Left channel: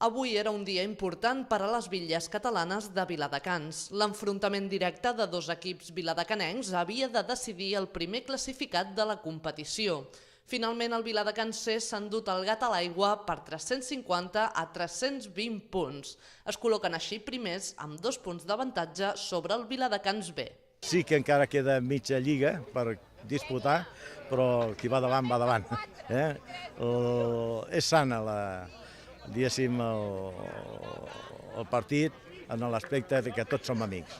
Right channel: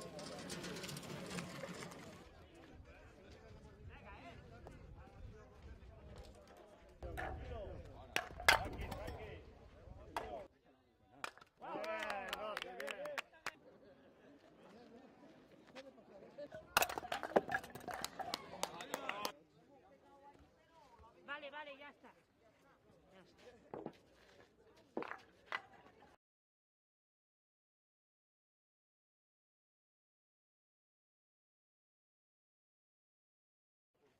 Avui era un dia important per a les bitlles catalanes de Viladecans. L'enfrontament directe de dos equips viladecanencs havia de decidir el primer classificat de la competició. Finalment, el Viladecans C s'ha endut el gat a l'aigua per 350 a 320 punts. Es col·loquen així primers amb 2 punts d'avantatge sobre el Viladecans B. Sí que encara queda mitja lliga per disputar, però qui va davant, va davant. És sana diguéssim, el partit en l'aspecte que tots som amics.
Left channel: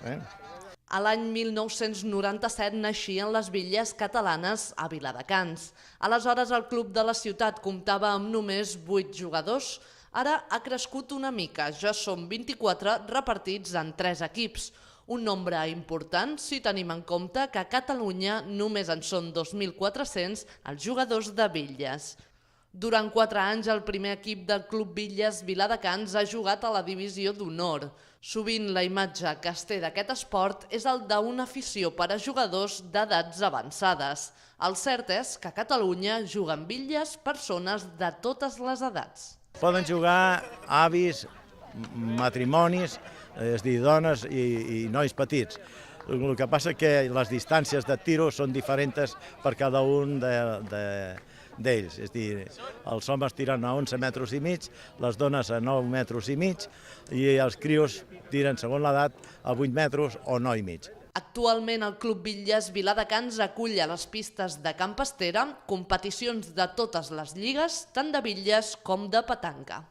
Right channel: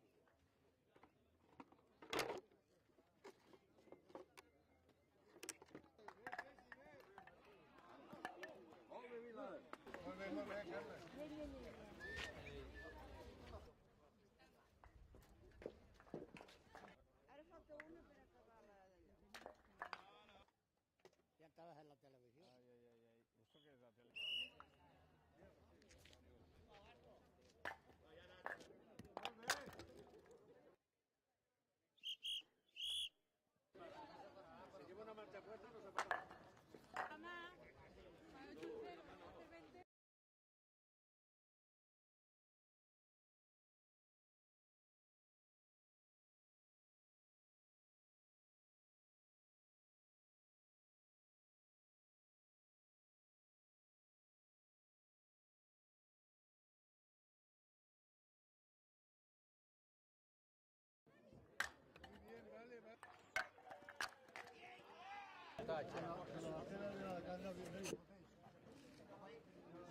A l'any 1997 naixien les bitlles catalanes a Viladecans. Aleshores el club de la ciutat comptava amb només 8 jugadors. Ara ha crescut una mica, ja són 24 repartits en 3 equips. Un nombre important si tenim en compte que a Catalunya només en són 2.400 els jugadors de bitlles. Durant 4 anys el primer equip del Club Bitlles Viladecans ha jugat a la divisió d'honor. Sovint la imatge que es té d'aquest esport és el d'una afició per a jugadors d'edats avançades. El cert és que a Catalunya juguen bitlles persones de totes les edats. Poden jugar avis, matrimonis, és a dir, dones i nois petits. El que passa és que les distàncies de tiro són diferents per cada un d'ells. És a dir, els homes tiren a 11 metres i mig, les dones a 9 metres i mig i els crios tiren, segons l'edat, a 8 metres o 9 i mig. Actualment el Club Bitlles Viladecans acull a les pistes de Can Pastera competicions de totes les lligues, tant de bitlles com de petanca.